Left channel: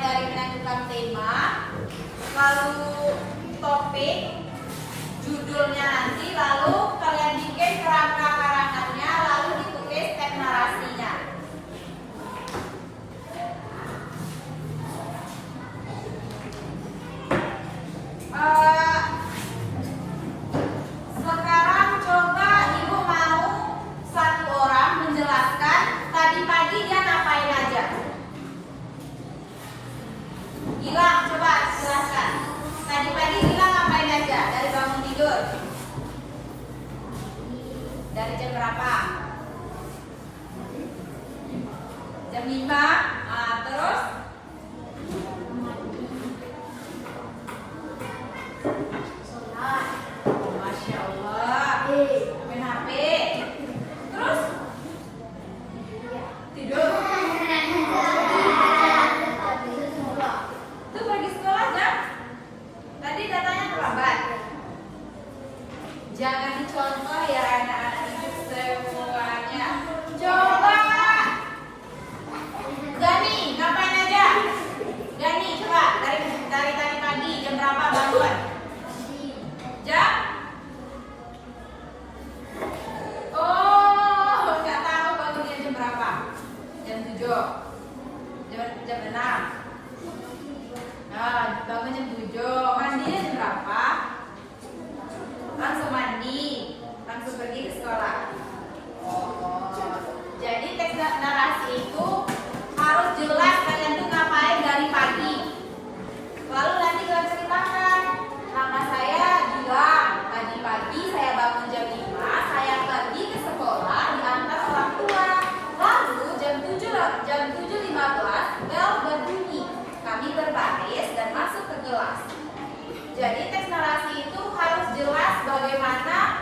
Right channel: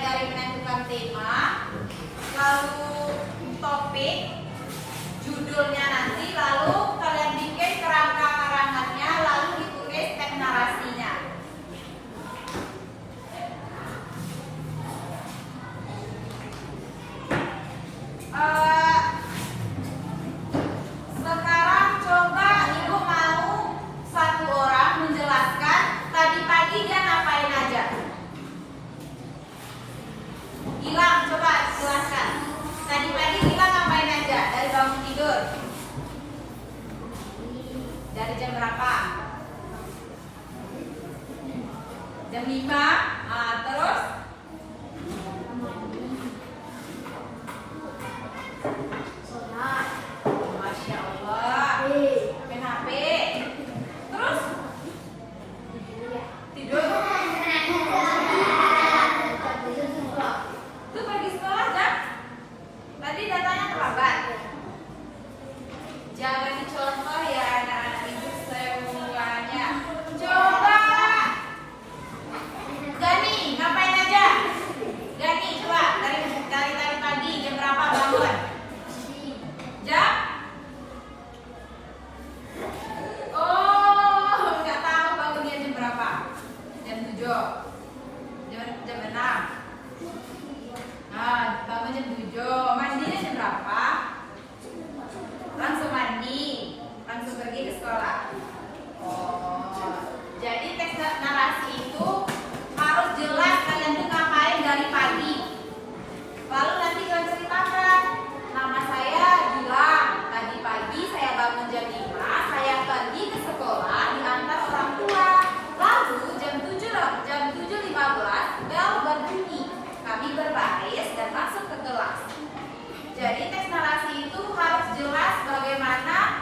dari menentukan tema, lalu topik, judulnya nanti, lalu kalian bikin kerangka karangannya, lalu ditulis teks narasinya. Sekarang coba ibu mau satu orang menjelaskan tadi pagi dia ngapain aja. Gilang, coba jelaskan. Tadi pagi Gilang ngapain aja dari bangun tidur? Dari jam berapa? Jam 5. Terus? Sholat. Masya Allah. Main HP. Terus? Tidur. Itu pergi sekolah kan? Tadi datangnya terlambat. Jangan contoh ya anak-anak hidup semuanya. Coba. Gani, ngapain aja? Gani, coba dari tadi pagi jam berapa bangun? Jam? Oh, nggak tahu bangunnya jam berapa? Jam 7. Jam 6. Nah, bangun jam 7. Mandinya jam berapa? Langsung mandi, langsung pergi ke sekolah. Oh, jadi teks narasi itu harus jelas kalian tuh ngapain dari pagi. Lalu nanti kalian ceritakan, nama saya Gilang. Tadi pagi saya bangun jam 5, saya pergi ke sekolah diantar orang tua. Lalu jam 7.15 bel berbunyi. Kami berbaris dan masuk ke kelas. Jadi teks narasi itu harus jelas bagaimana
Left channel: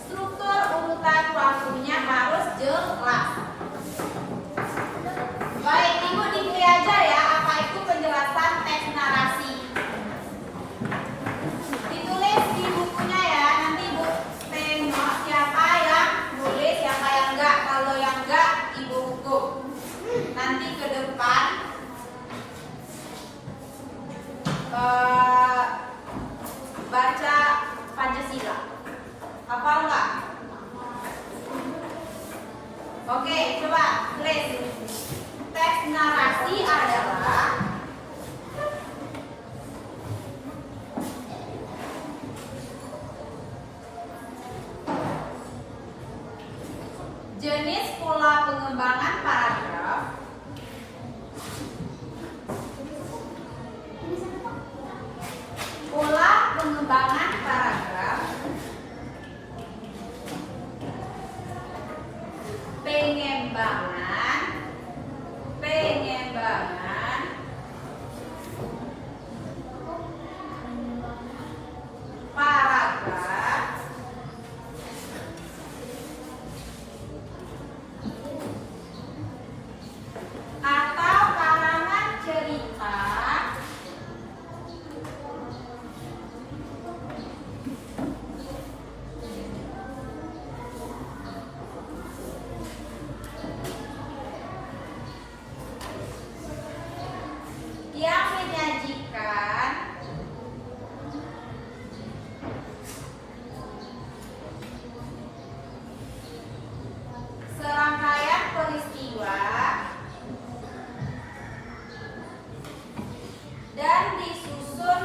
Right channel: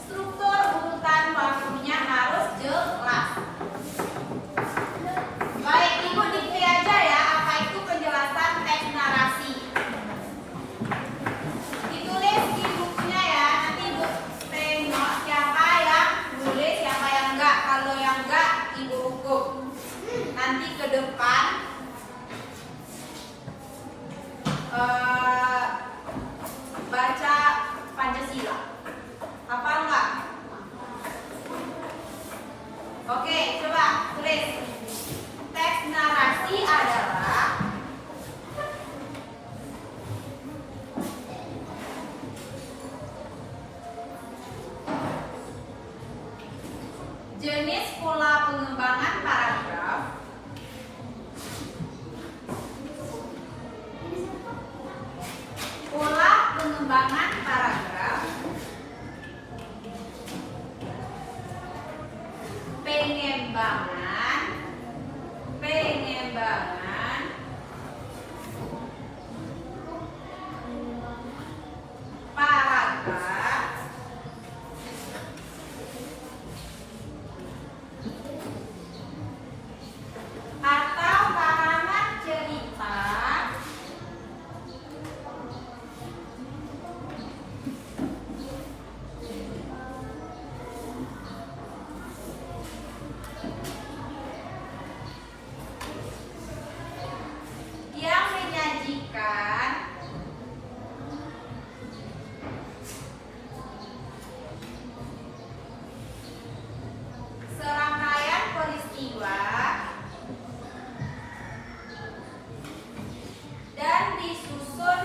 struktur urutan waktunya harus jelas. Baik, ibu dipilih aja ya apa itu penjelasan teks narasi. Ditulis di bukunya ya, nanti ibu tengok siapa yang nulis, siapa yang enggak. Kalau yang enggak, ibu hukum. Nanti ke depan baca Pancasila. Hafal enggak? Oke, coba tulis. Teks narasi adalah jenis pola pengembangan paragraf pengembangan paragraf atau karangan cerita yang menyajikan serangkaian peristiwa dan disusun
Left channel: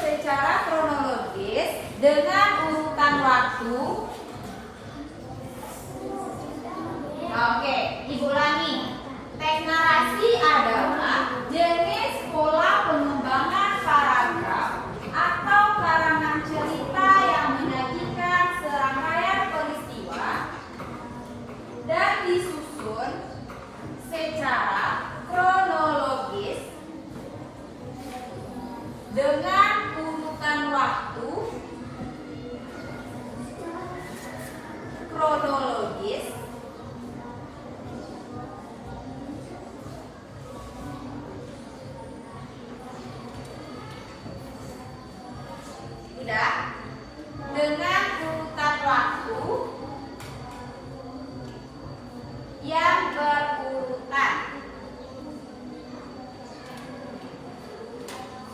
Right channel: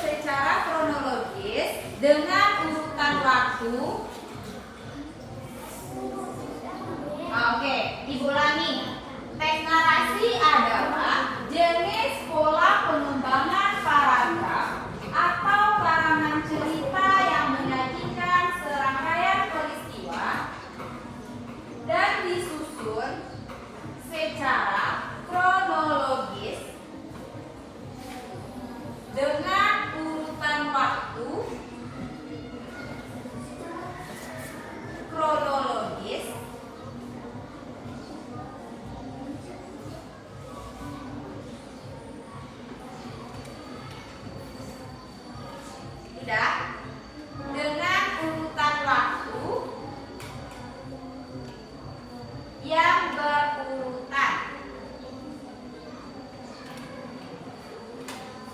secara kronologis dengan urutan waktu. Oke, ibu ulangi. Teks narasi adalah jenis pola pengembangan paragraf atau karangan cerita yang menyajikan serangkaian peristiwa dan disusun secara kronologis dengan urutan waktu kronologis Tidak. Dengan urutan waktu yang berurutan.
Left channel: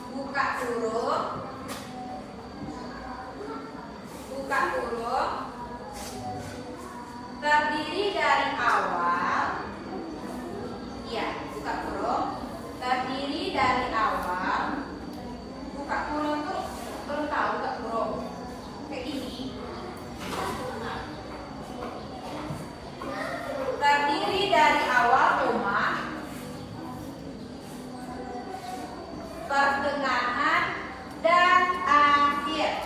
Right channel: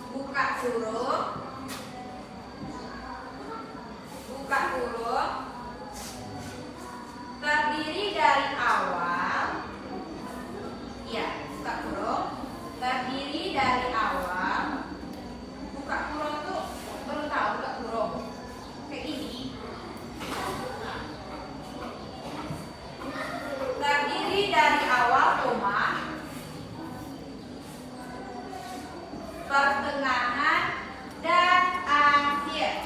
Buka huruf. Buka huruf. Terdiri dari awal. Iya, buka huruf. Terdiri dari awal. Buka huruf tuh baru tahu buka huruf. Kayak ini. Terdiri dari awal koma, pertengahan dan akhir.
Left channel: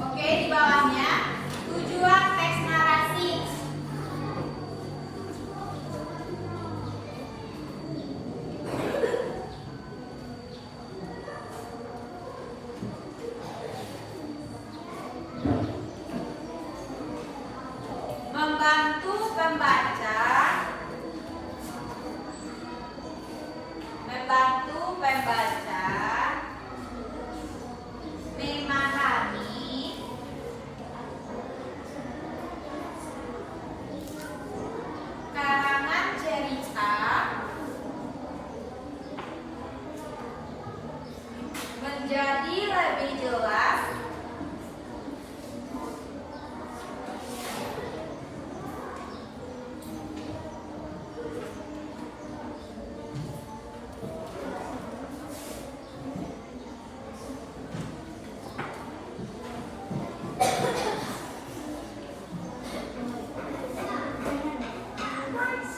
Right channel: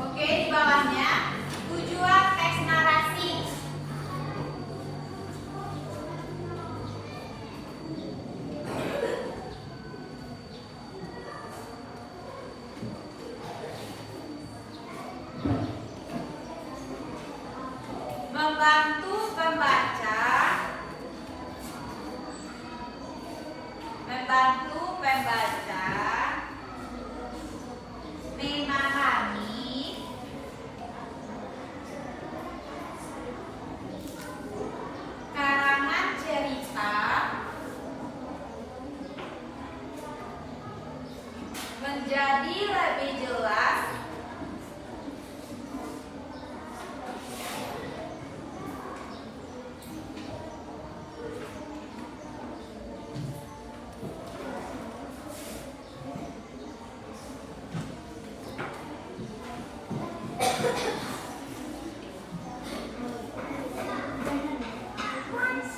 Oke, di bawahnya tujuan teks narasi. Membantu pembaca, memahami karangan cerita, menjadi lebih jelas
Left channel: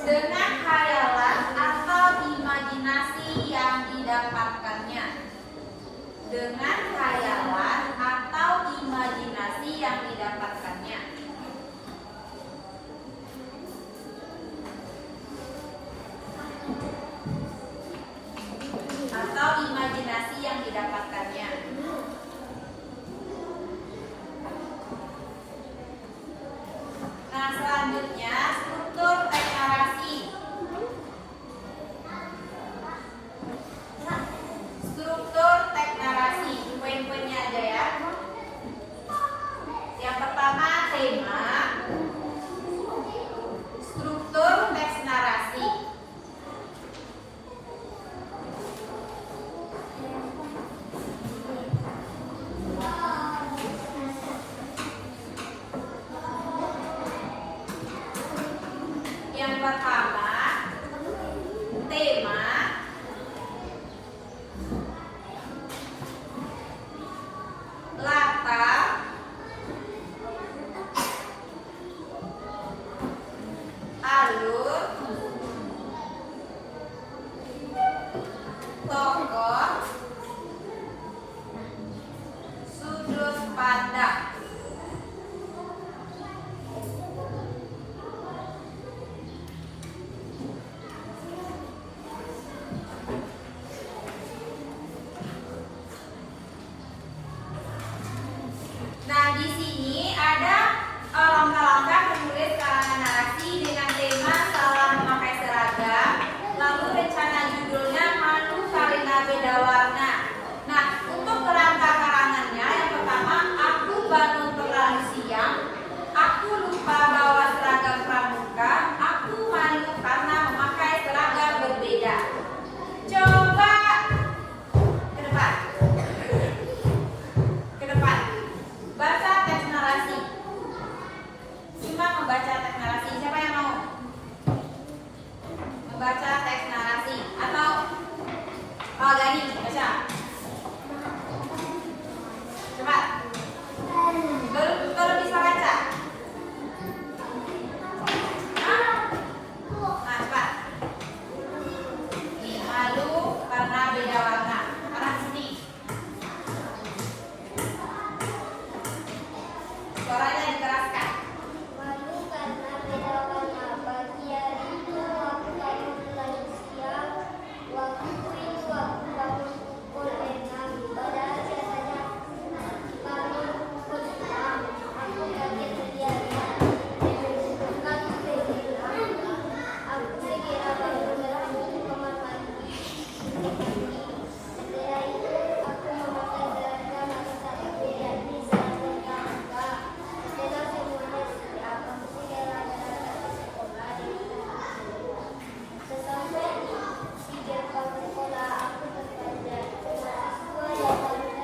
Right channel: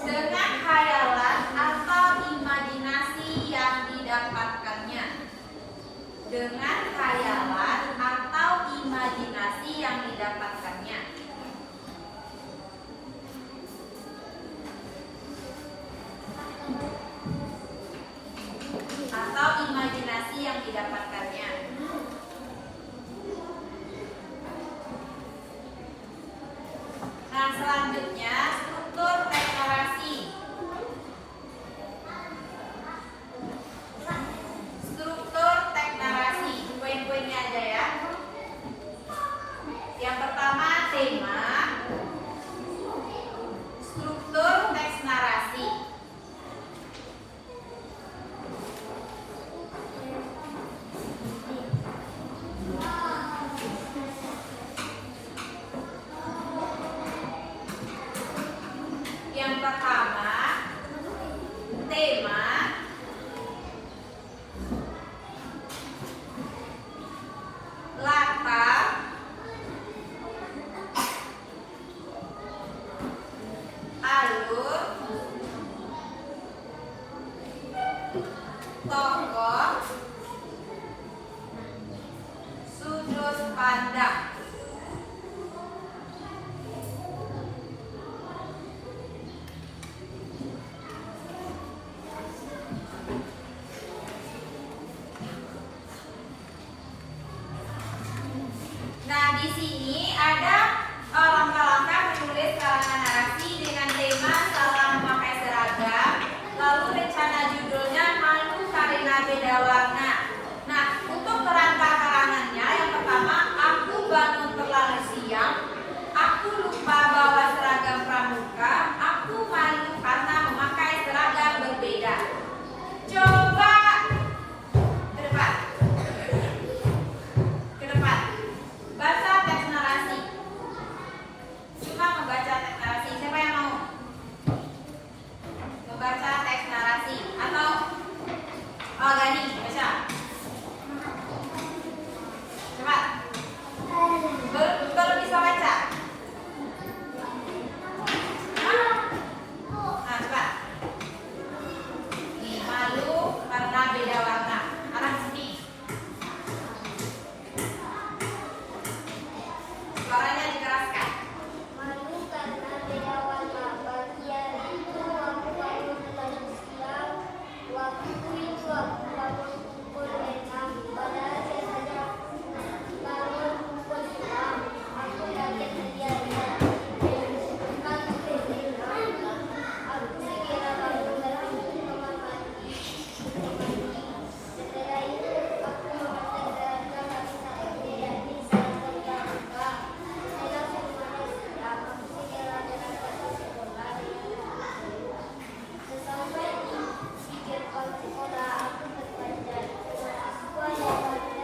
dengan khayalan atau imajinasi yang didapatkannya. Dengan khayalan atau imajinasi yang didapatkannya. Atau imajinasi yang didapatkannya. Nah, selanjutnya struktur teks narasi. Struktur teks narasi, poin-poinnya aja ya. Yang pertama tema, struktur teks narasi. Yang pertama tema, latar, alur, tokoh, sudut pandang. Nah, di sini ada langkah-langkah menulis karangan narasi dengan tema salah memakai seragam. Lalu rencana judulnya malu karena beda warna. Nah, untuk kerangka karangannya yang pertama, aku bangun terlalu siang, aku lupa bawa seragam pramuka, aku malu karena memakai seragam berbeda. Coba ke depan. Ke depan. Baca teks narasi. Cuma membaca teks narasi. Siapa yang mau membaca teks narasi? Atau Gani, baca. Cepat. Belum bisa baca. Nah, cepat. Malu karena beda warna. Arah sini. Suaranya dikeraskan. Malu karena beda warna. Pagi hari itu aku bangun terlalu siang. Waktu yang bangun berenang. Padahal saya hanya bangun pukul 6. Aku yakin dia lihat. Aku berenang. Aku segera bangun dan pergi ke kamar mandi. Setelah itu aku memakai seragam wanita SD dan bisa berangkat. Setelah semuanya siap, aku segera berangkat ke sekolah. Sesampai di gerbang sekolah, aku terpanjat. Mahasiswa yang baru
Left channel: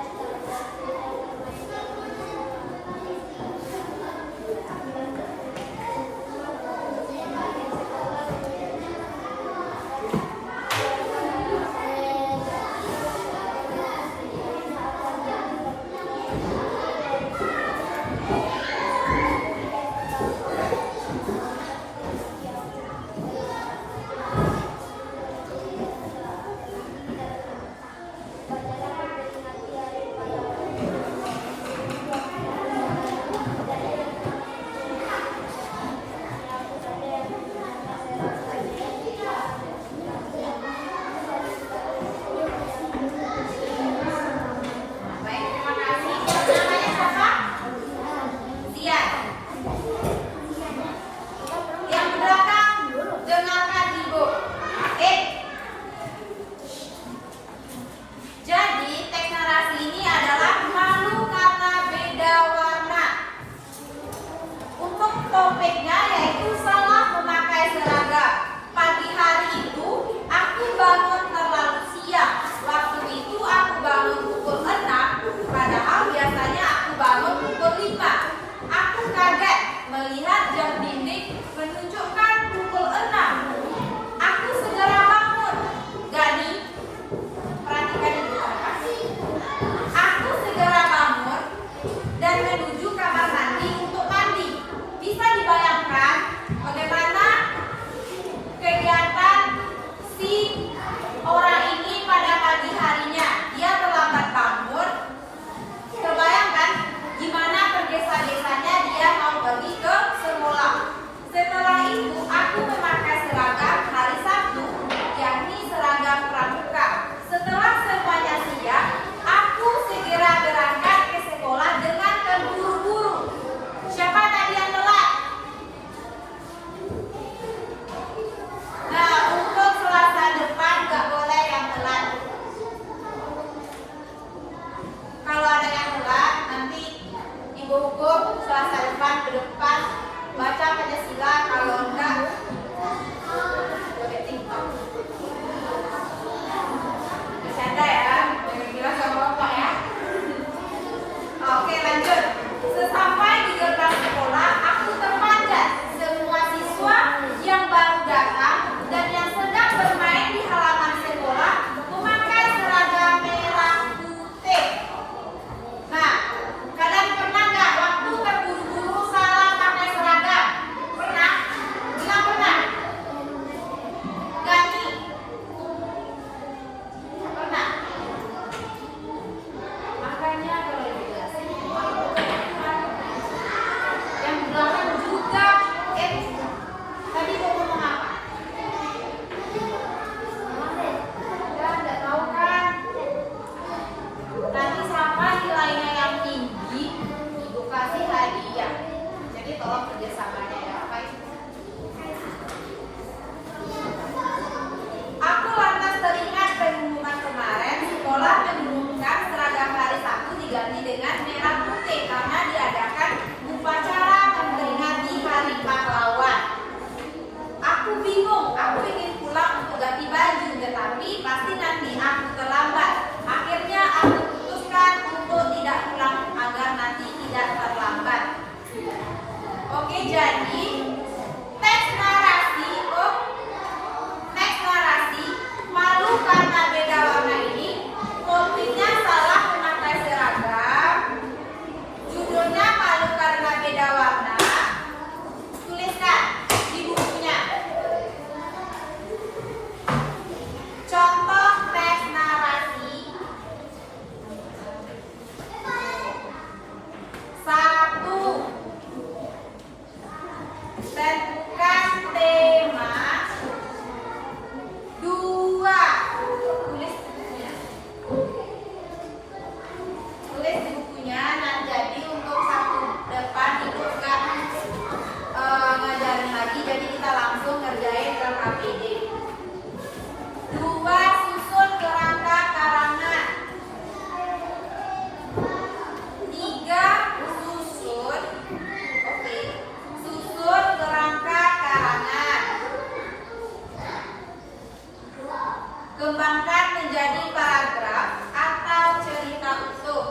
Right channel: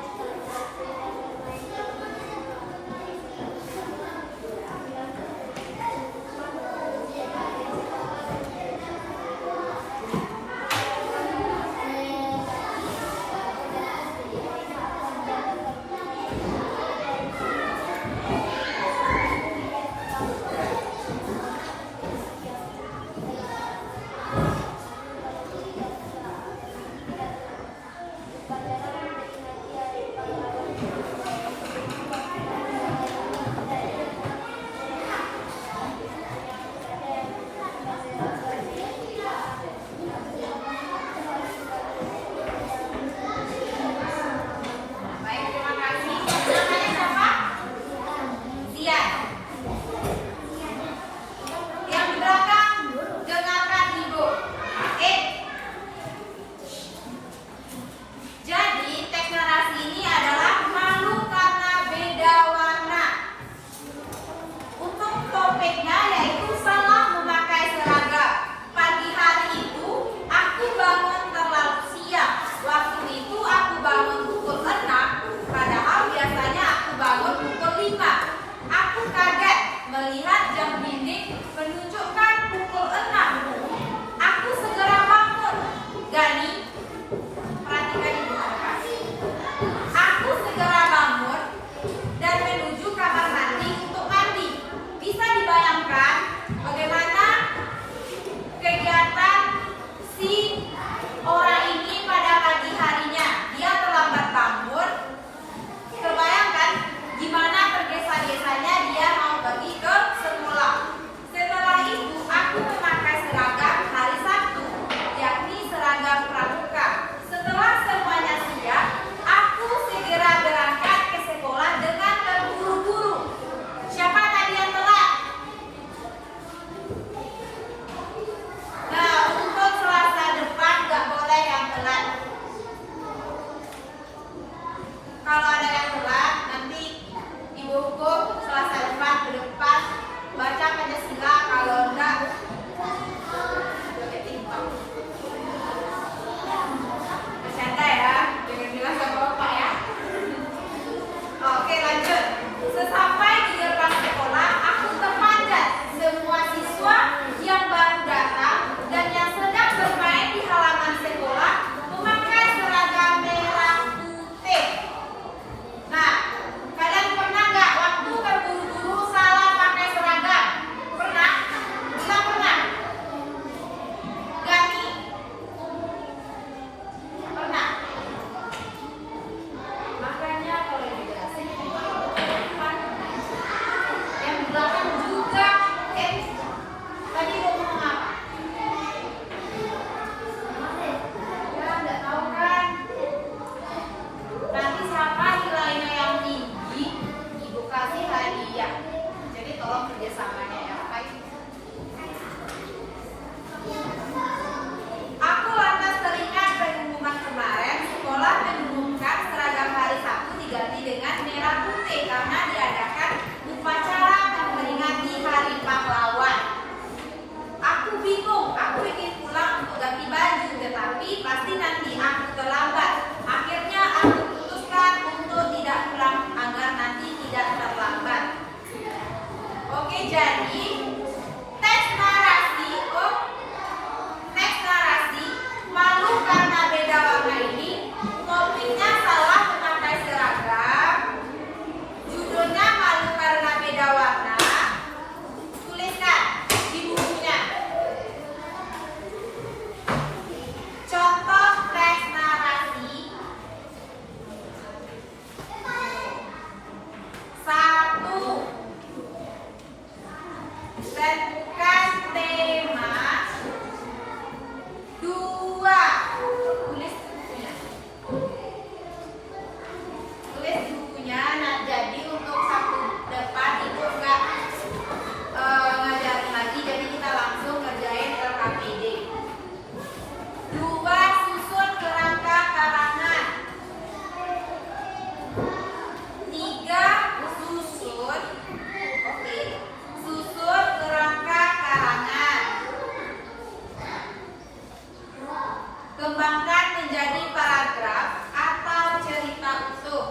Kembangkan menjadi paragraf atau cerita utuh.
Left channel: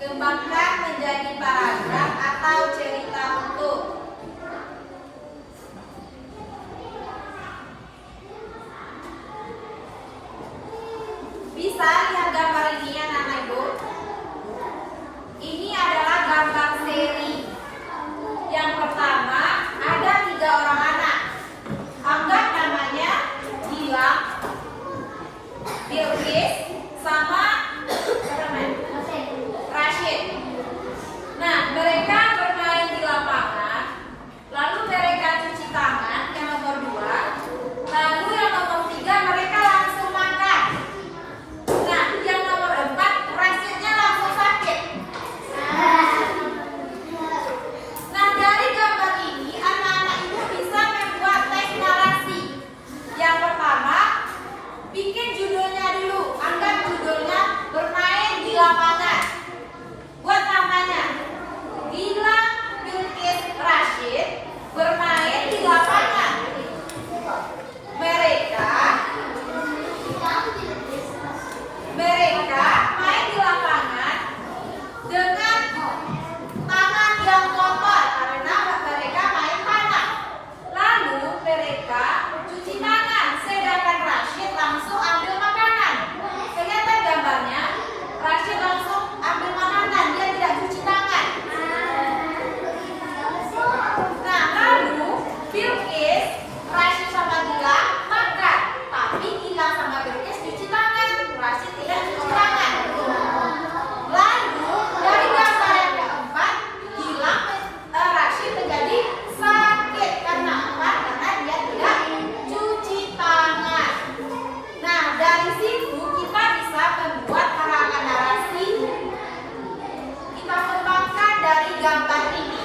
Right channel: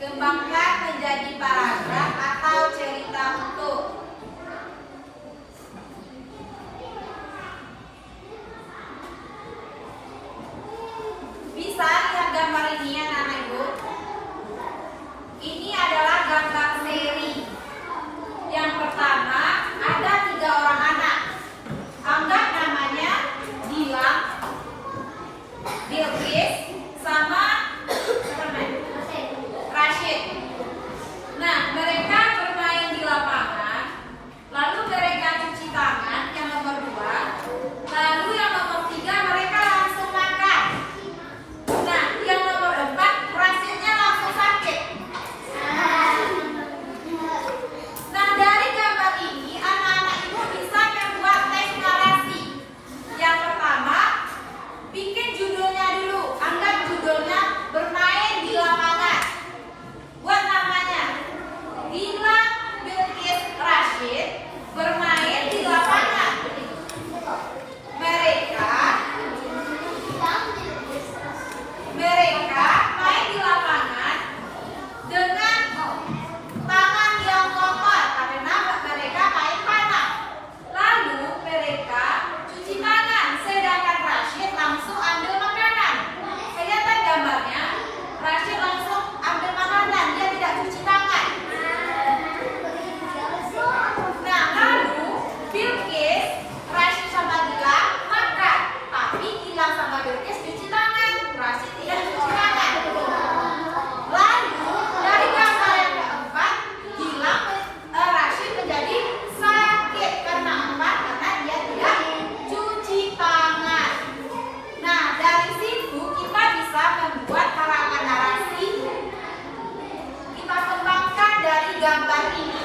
Kembangkan menjadi paragraf atau cerita utuh. Bisa lihat gambar ini ya anak ibu. Ini adalah gambar seri. Yang pertama ada 3 orang anak. Anggap namanya Gilang, Bilqis, sama Rashid. Nah, mereka bermain di lapangan. Lalu mereka cuci tangan yang nomor 2. Lalu yang nomor 3 mereka langsung makan. Nah, yang nomor 4 Rashidnya langsung sakit. Nah, dari gambar ini anak-anak ibu bisa membuat teks narasi. Yang pertama, bikin judulnya dulu. Anggap judulnya bermain di lapangan. Buat namanya Gilang, Bilqis, Rashid bermain di lapangan. Mereka main di lapangan dengan tangan yang kotor karena mereka main tanah. Lalu mereka cuci tangan, sedangkan Rashid langsung ambil makanan. Kelihatan gambarnya, Rashid langsung ambil makanan, dia tidak cuci tangan. Nah, lalu Bilqis, Rashid sama Gilang makan, tapi Gilang sama Bilqis cuci tangan, Rashid tidak cuci tangan. Lalu dari gambar yang keempat, Gilang, Rashid menjadi sakit karena apa? Karena dia tidak cuci tangan. Nah, dari situ kita bisa membuat karangan narasi. Kita kembangkan dari gambar ini.